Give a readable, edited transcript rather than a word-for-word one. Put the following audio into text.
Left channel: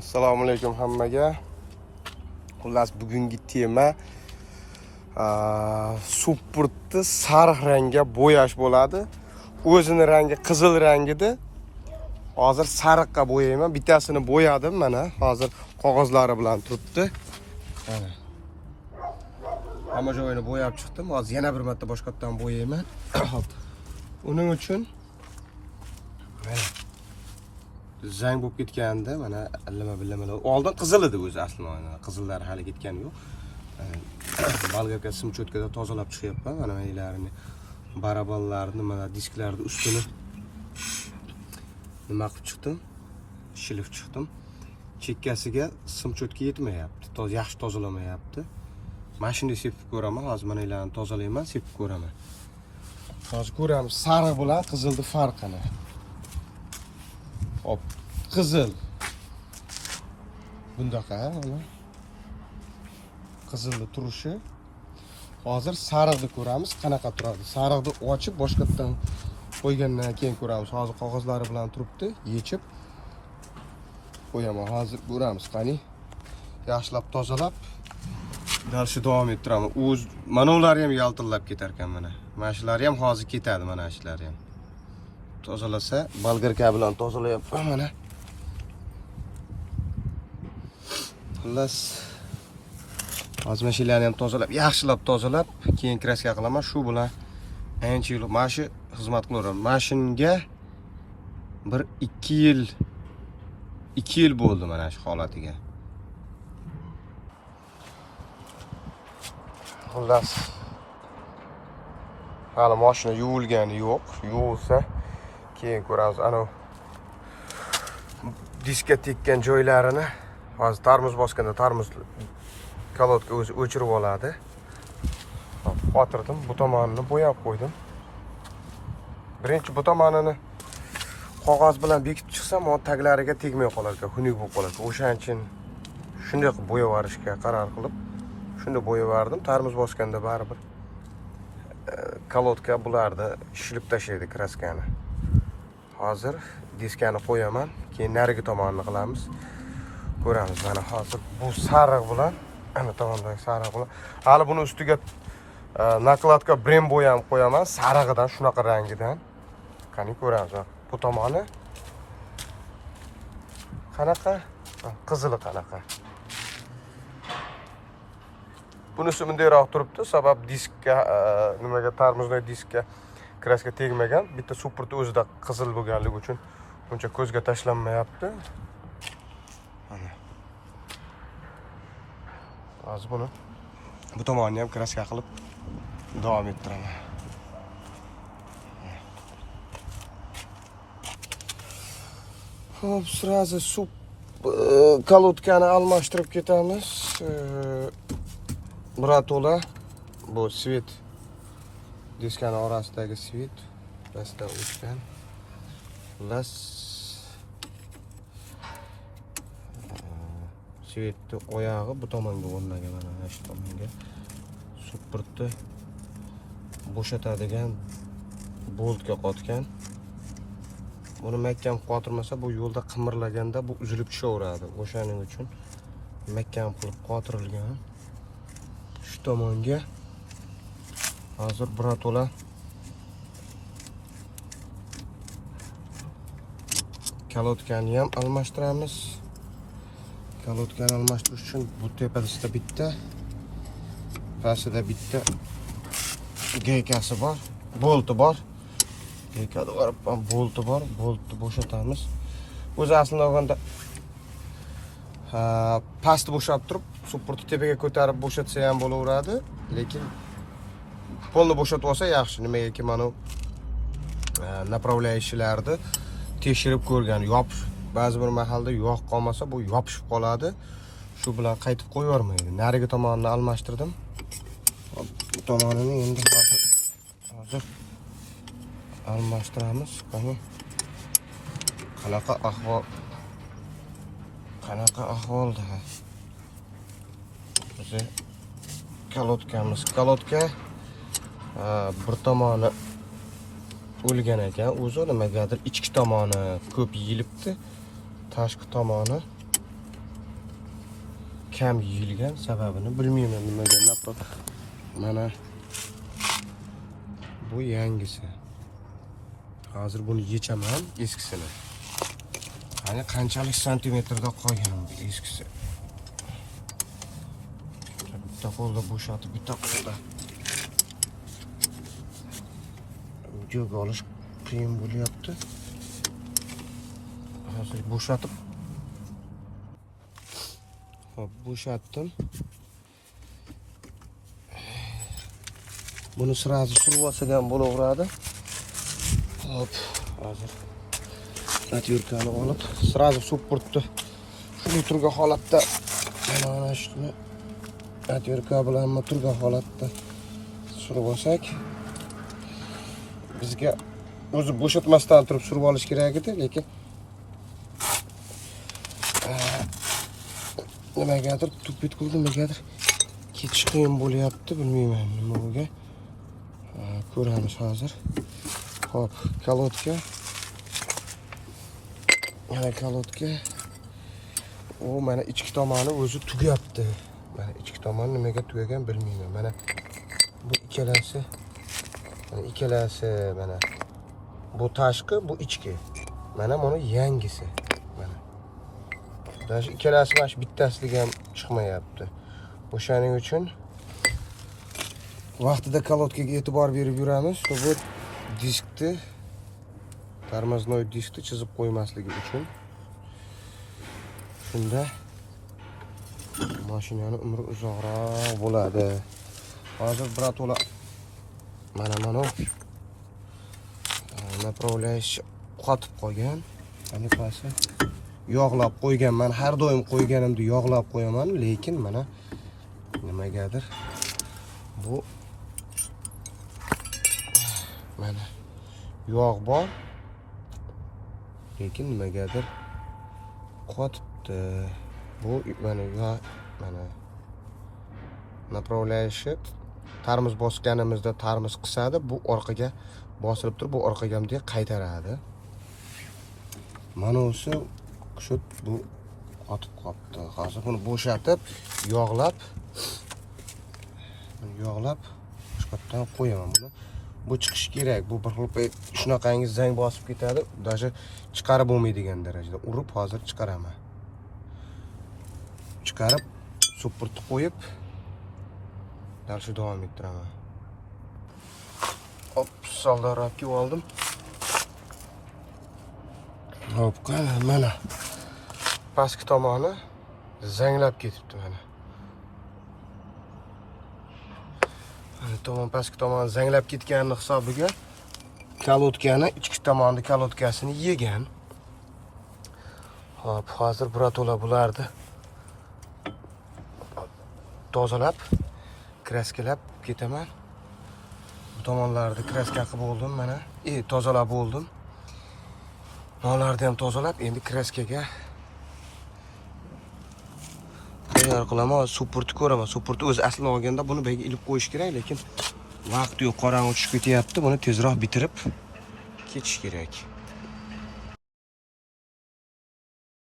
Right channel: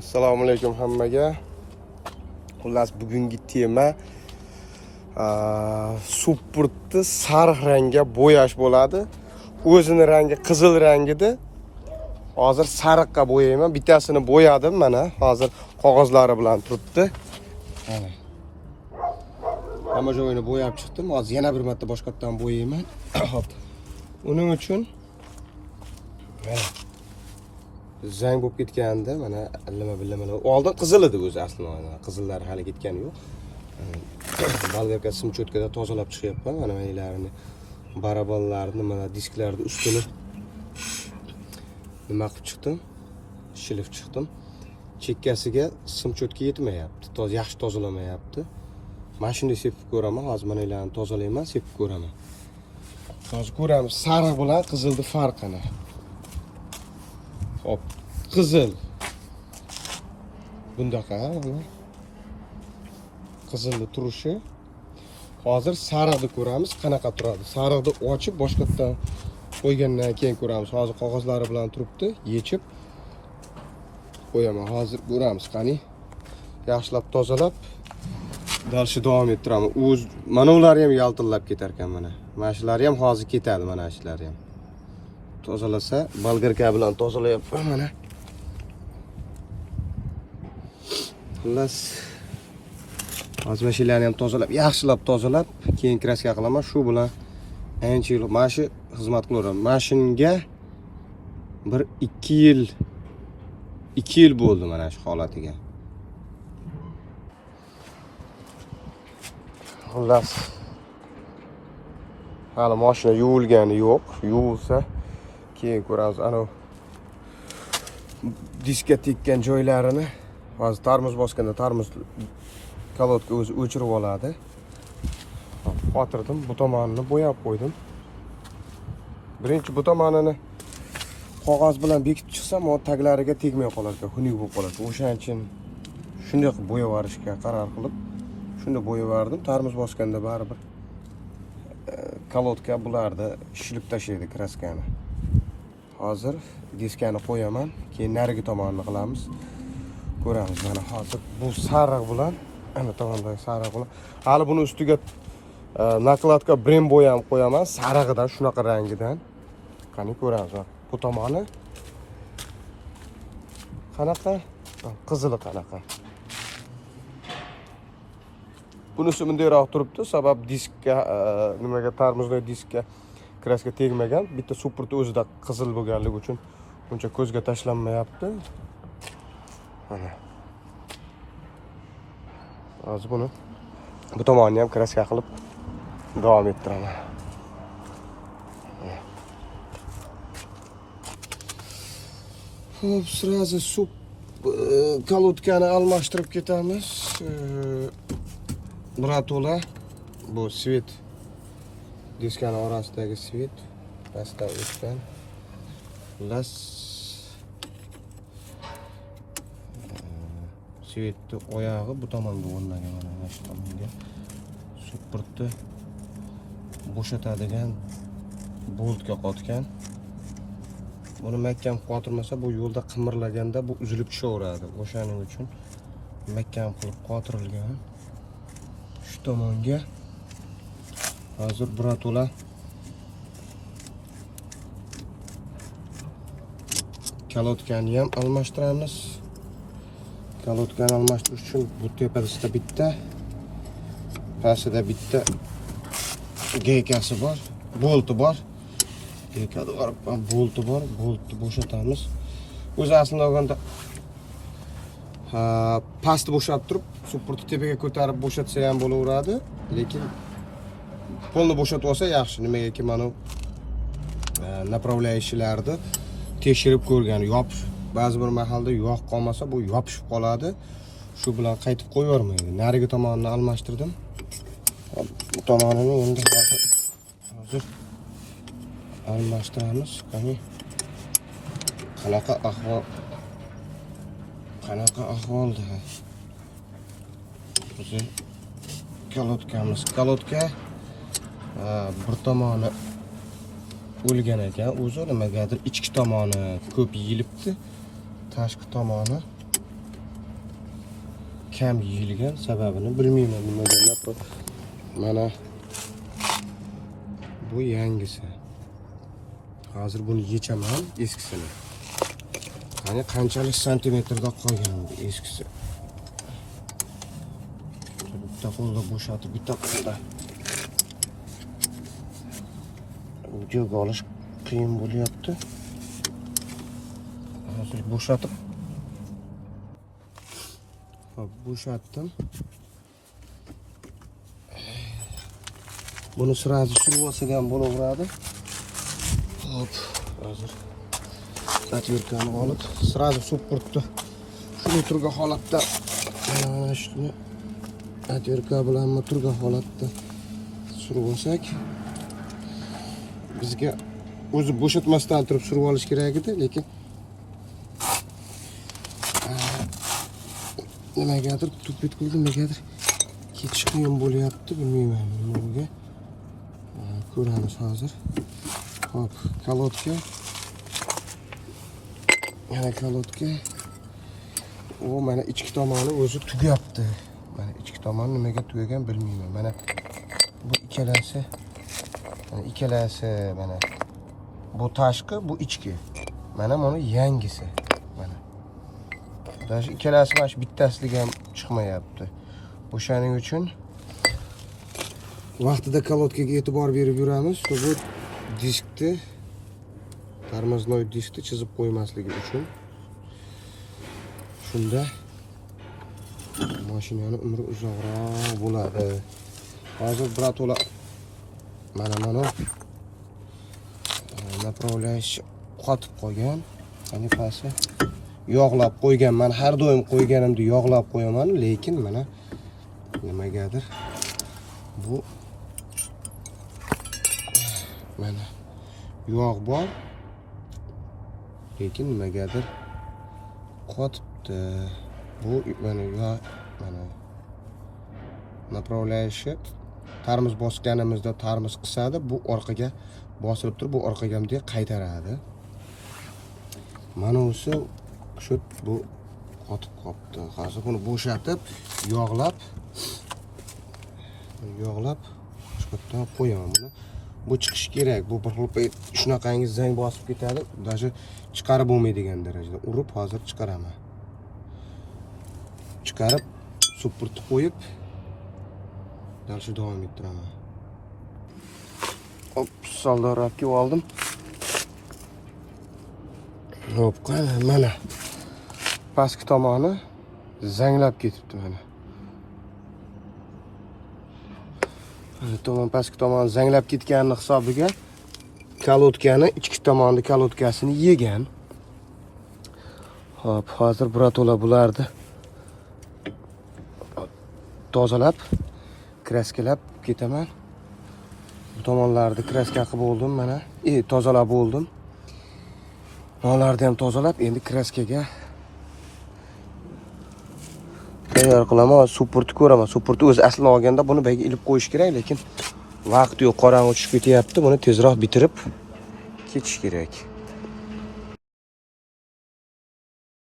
Assalomu alaykum hammaga. Xullas bugungi tema supportni sariq rangga bo'yash bo'ladi. O'zini rangi qizil rangida. Hozir sariqqa bo'yayman. Bittasini bo'yadim mana. Hozir qog'ozlari bilan turibdi. Mana. Hamma joyini bo'yab chiqdim. Hozir yana bir marta boshqatdan bo'yayman. Hop. Uning uchun zang bo'lib ketganda mana allama-billamalar. Oldin qizil edi o'zi aslida. Qizillari hali ketgani yo'q. Bolgarka sim cho'tkada tozalab chiqyapman. Mana maylarini, baraballarni, mana disklarni ustini nima qilib chiqdim? Shilib chiqdim. Chekkasiga sim cho'tka yetmayapti. Yaxshi tozalamayapti. Mashinada sepib ko'raman. Hozir mana ularni tozalayman, sepib ko'raman. Hozir ko'ramiz sariq bilan qizilni farqini. Hop, qizil. Bundaqa, mana. Qizilni turishi. Hozir sariqni ko'ramiz, qanaqa turadi. Sariqni ochib boshqatdan qo'ygandan keyin ko'ramiz. Hozir qog'ozlari bilan turibdi, yechib qo'yaman. Hozir ko'ramiz, qani. Yaxshilab tozalab dalshi davom ettiraman. O'z mana ular ham yaltillab ketar ekan mana. Mana shular ham hozir ketadi, mana shular ham. Tozalasa, bolgarka bilan tozalayapman mana. Xullas hozir mashinani ham tozalab, yaxshilab tozalab, keyin kraska qilaman. Shu bilan ancha yil mana shu xizmat qilaman. Mashinga bir 2 yil bo'ldi mana shu holatiga. Xullas hali mashina yuvilgani yo'q. Yuvilsa keyin ko'ramiz. Ana diskka tekkan joylarini hozir tarmuz bosganda tarmuz kolodka o'zi o'chirib oladi. Qotirdim, bu tomonini bo'yab qo'ydim. Birinchi bu tomonini qog'oz bilan bekitib chiqsam, o taglariga tegmay qolar ekan, xunuk bo'lib qoladi. O'shaning uchun shunday qilib bo'yab yuborishga qaror qilib, shunda bo'yab yubordim. Tarmuz bosganda baribir kolodka bularni shilib tashlaydi kraskani. Hozir diskani qo'yaman, keyin narigi tomonini qilamiz. Ko'ramiz mana hozir bu sariq bilan, ana tomondagi sariq bilan. Hali buni ustiga nakladka brem bo'yam qo'yaman, sariqidan, shunaqa rangidan. Qani ko'ramiz. Bu tomoni qanaqa? Qizili qanaqa? Bunisi bundayroq turibdi, sabab diskka nimaga tarmuzdagi diskka kraska tegmagan. Bitta supportni o'zida qizil bo'lganligi uchun buncha ko'zga tashlanmayapti. Mana. Hozir buni bu tomonni ham kraska qilib davom ettiraman. Hop, sразу kolodkani almashtirib ketamiz. Muratola bu svet diskani orasidagi svet pastdan o'tgan. Xullas svetni oyog'i bu tomonga o'rnagan, mana shu tomonga. Supportni bo'shatadigan boltga qotgan. Buni mahkam qotirmasa, bu yo'lda qimirlaganda bu uzilib tushaveradi. O'shaning uchun mahkam qilib qotirilgan. Shu tomonga hozir birato'la kolodkani ham almashtiramiz. Kolodkani almashtirish uchun bu tepada bitta, pastida bitta gaykasi bor, bolti bor. Gaykada bor, bolti bor, boltni bo'shatamiz. O'zi aslida olganda pastni bo'shab turib, supportni tepaga ko'tarib bo'shatsa ham bo'laveradi, lekin polni bo'shatib olsa yaxshi. Nimagaki mana направляющийlarni tekshirib ko'rgan, yopish, ba'zi bir mahalda yog' qolmasa bu yopishib qoladi. Shu bilan qaytib qo'yvermaydi. Narigi tomonini almashtirdim. Bu tomonini endi hozir almashtiramiz. Qani qanaqa ahvolda? Bizi kolodkamiz. Kolodka bir tomoni o'lgan ekan. O'zi nimagadir ichki tomoni ko'p yeyilibdi. Tashqi tomoni kam yeyilgan, sababini bilmayman nimaga. Mana bu yangisi. Hozir buni yechaman, eskisini. Mana qanchalik santimetrda qolgan bu eskisi. Bitta qo'lda bo'shatib, bitta qo'lda videoga olish qiyin bo'lyapti. Hozir bo'shatib. Hop, bo'shatdim. Buni sirasi suv olsagan bo'laveradi. Hop, hozir atyorkani olib, sirasi suv qurtdi. Shuni turgan holatda mana shuni atyorka bilan turgan holatda surib olsak, bizga o'zi bo'shatmasdan turib surib olish kerak edi, lekin nimagadir tupit nimagadir ketish qiyin bo'lyapti, bilmayman nimaga. Ko'ramiz hozir. Hop, kalotka. Yana kalotka. U mana ichki tomoni o'zi tugayapti. Mana ichki tomoni nimaga tugagan bilmayman. Mana bu ikkalasi. Mana ikkalasi mana. Bu tashqi, bu ichki. Mana buni yangisi. Mana. Даже ikkalasi mana shu bittasiligi ham chiqmayapti. O'shaning uchun vaqtida kalotkaga e'tibor berib yuramiz. Bu diskni, tormoznoy diskni chizib qo'ymasligi uchun. Shunda mashinaning umri uzoqroq bo'ladi. Hozir birato'la mana направляющий qotib qolgan. Mana pasi yog'lab qo'ygan. Men har doim qo'yganimda yog'lab qo'yaman, lekin mana nimagadir bu mana yog' bor, lekin nimagadir qotibdi. Bu mana mana направляющий tarmoz bosganimizda tarmoz qisadi, bu orqaga bosilib turib, bu orqaga ham qaytaradi. Mana o'sha shu bu qotib qolibdi. Hozir buni bo'shatib, yog'lab chiqibdan qo'yaman buni. Bu chiqish kerak. Bu bir xil shunaqangi zang bosib ketadi. Даже chiqarib bo'lmaydigan darajada urib hozir chiqaraman. Chiqarib, supurtib qo'yib, dalshi davom ettiraman. Hop, soldarobga oldim. Hop, mana pastki tomoni zanglab ketibdi mana. Pastki tomoni zanglab ketganini hisobiga kalotkani, ichki tomonni kalotkasini yegan. Hop, hozir birato'la bularni tozalab, kraskalab ketaman. Bu tomonlarni kraska qilib bo'ldim mana. Tozalab bo'ldim. Bularni ham tozalab, endi kraskaga tayyor qilaman. Supurtni ko'raman. Supurtni o'zi aslini olganda buni bayga ilib qo'yish kerak, lekin vaqt yo'q, qorong'i tushib ketyapti. Buni tezroq bitirib ketish kerak.